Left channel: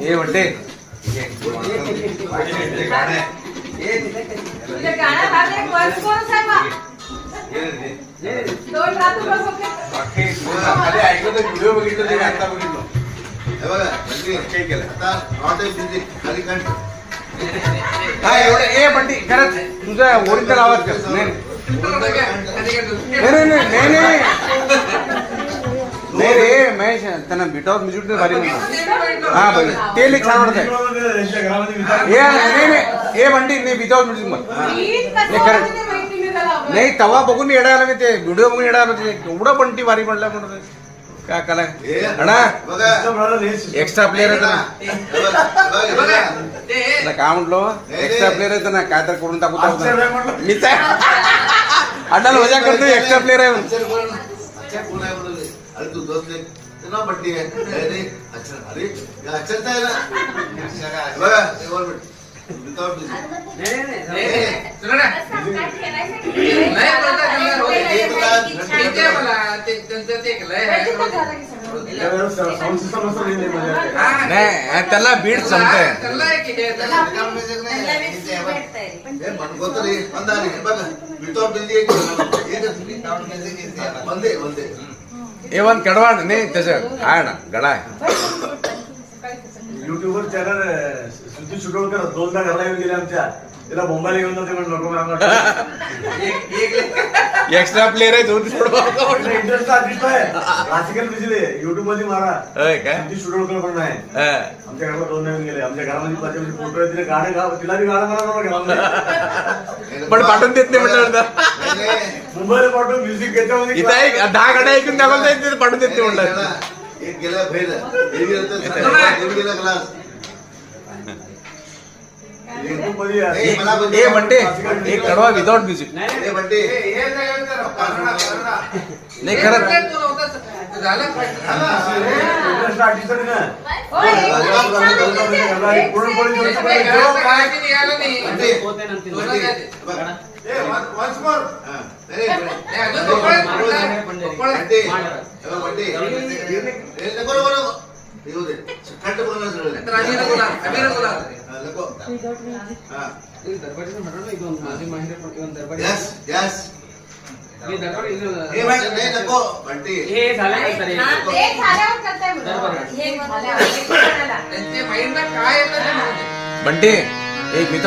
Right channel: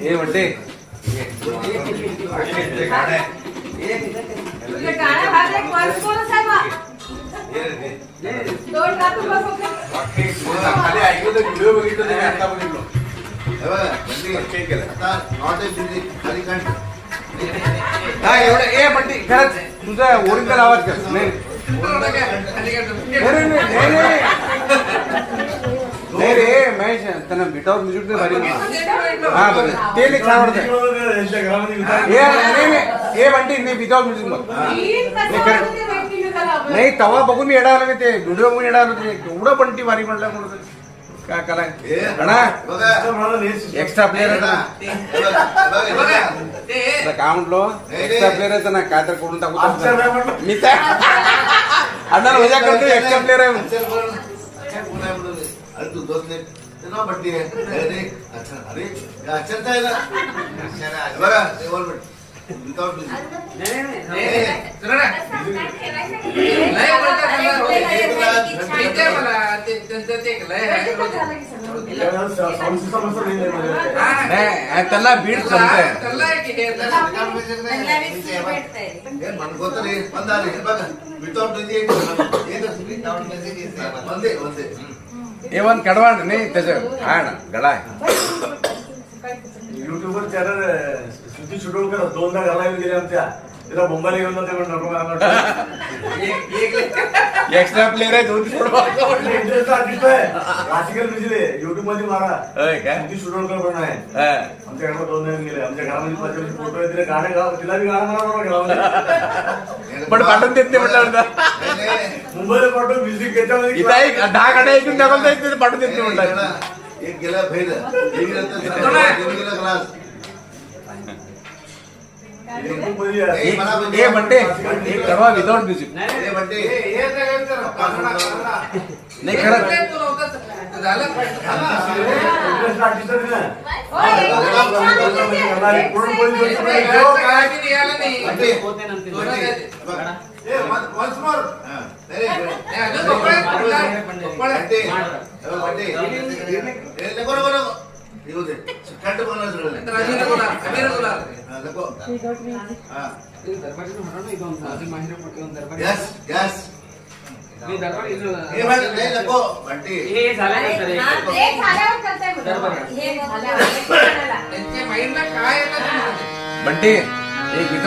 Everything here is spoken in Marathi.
ये म्हणते खाली ऐकलं व्हिडिओ बघितलं ते आता बघितलं ए म्हणते खरंच तुझा ओरिजिनल आवाज नाही रे महेश त्यांना विदाउट म्युझिक भारी हा बघ ते लिख आवडत हे म्हणते नाही विदाउट म्युझिक नाही तवा बघून येणार नाही ते व्हिडिओ बघून येणार होते एवढं पण ती भारी म्हणलं म्हणत काय कला एक्स्ट्रा प्लेअर काय म्हटलो एक्स्ट्रा प्लेअर आहे ना काय तर करून टाकू मी काय अण्णा मजा करतो एक्स्ट्रा प्लेअर आहे अरे तू दोस्त ना बड्डी आहे अरे अच्छा अरे अक्षरता आहे ना बघा विदाउट त्याला बीट चालतंय मनकोत बघा विदाउट वंदे वंदे एवन कडवा नाही त्याचं आहे ना गडा आहे युट्यूबवर चॅनल सुधी शिडोळकर दोनदा घरला गेले आमच्या तिला मुंबईला घेऊन जाते म्हणून एक्स्ट्रा प्लेअर आहे दोन इंटरेस्ट आर्टिस्ट आहे क्लासिकल म्युझिक आहे युट्यूब मध्ये मारा काय सुधी शिडोळकर पण आहे आमच्या घराला 2 जण गेले आमच्या घरामध्ये माझे फोटो आहे तिला गाणे गाव तिला बी गाणं म्हणा घरामध्ये पण पाठवून देत नाही म्हटलं मुंबईला पाठवून म्युझिक याच्यामध्ये इथं 10 गाड्या ऐकून द्यावं पाठवून देत नाही म्हटलं एक गेला फेल गेला क्लास हे म्हणते एक कडवा विदाउट म्युझिक म्हणते नाही खरं बंटी एक विदाउट